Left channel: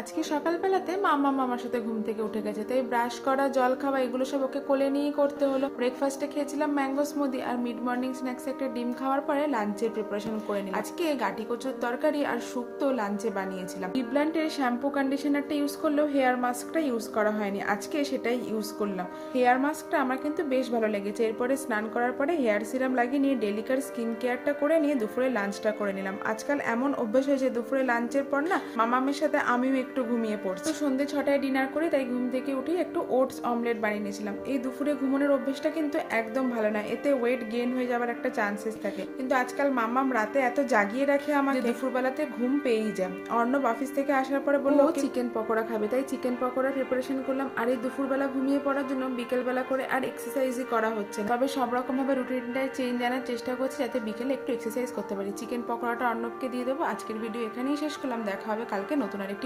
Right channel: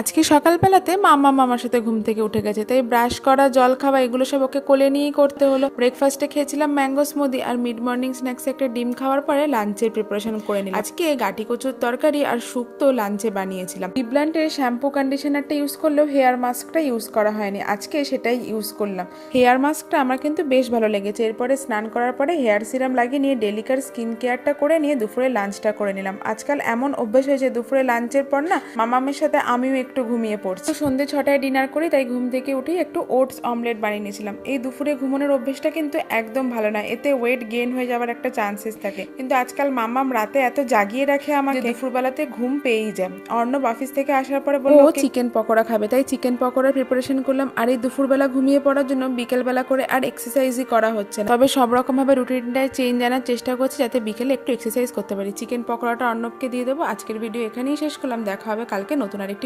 আজকে সকালবেলাতে মামা মামার সাথে ঘুম থেকে উঠে গেছে, তাই ব্রাশ করা, জল খাওয়া এগুলো সব ওকে কোলে নিয়েই করতে হলো। ব্রেকফাস্টে খেয়েছিলাম ম্যাঙ্গো স্মুদি, আর মিড মর্নিং স্ন্যাক্সে একটা ডিম খাওয়ার পরে লাঞ্চের প্রিপারেশন করে নিলাম। আজকে গাটি কচুর তরকারি আর শুক্তো লাঞ্চে বানিয়েছিলাম। ডিবল্যান্ডের শ্যাম্পু কন্ডিশনারটা ইউজ করলেও হেয়ার মাস্কটা ইউজ করা হয়নি, আজকে সেটাই ইউজ করলাম। হেয়ার মাস্কটা আমার কিন্তু বেশ ভালো লেগেছে। এরপরে স্নান করার পরে হেয়ার সিরাম লাগিয়ে নিয়ে ডেলিকার স্কিন কেয়ারটা করে নিয়ে দুপুরে লাঞ্চটা করে নিলাম। আজকাল এমন অভ্যাস হয়েছে দুপুরে লাঞ্চের পর না মামামের সাথে আমিও একটু ঘুমিয়ে পড়ছি। সন্ধ্যে 6টায় ডিনার করি, তাই ঘুম থেকে উঠেই একটু ওটস অমলেট বানিয়ে নিয়েছিলাম। এই দুপুরে ঘুমানোর অভ্যেসটা কিন্তু একদম ভালো নয়, এতে ওয়েট গেইন হয়ে যাওয়ার একটা চান্সেস থাকে। কিন্তু আজকাল মামাম রাতে এত জাগিয়ে রাখে আমাকে, দুপুরবেলাতে ঘুম পেয়েই যায়। অর্ণব অফিস থেকে আসার পরে বললো ও চিকেন পকোড়া খাবে, তাই চিকেন পকোড়ার প্রিপারেশন করলাম। আর এই দুপুরবেলা ঘুমিয়ে পড়ার জন্য বিকেলবেলা করে আর এক্সারসাইজই করা হচ্ছে না, তবে সব রকম ভাবে রুটিনটায় চেঞ্জ আনার চেষ্টা করছি যাতে বিকেলে একটু এক্সারসাইজ করতে পারি। চিকেন পকোড়াটা অর্ণবকে দিয়ে দেবো। আজকের ভিডিও এখানেই শেষ করলাম, দেখা হবে কালকে নতুন আরেকটি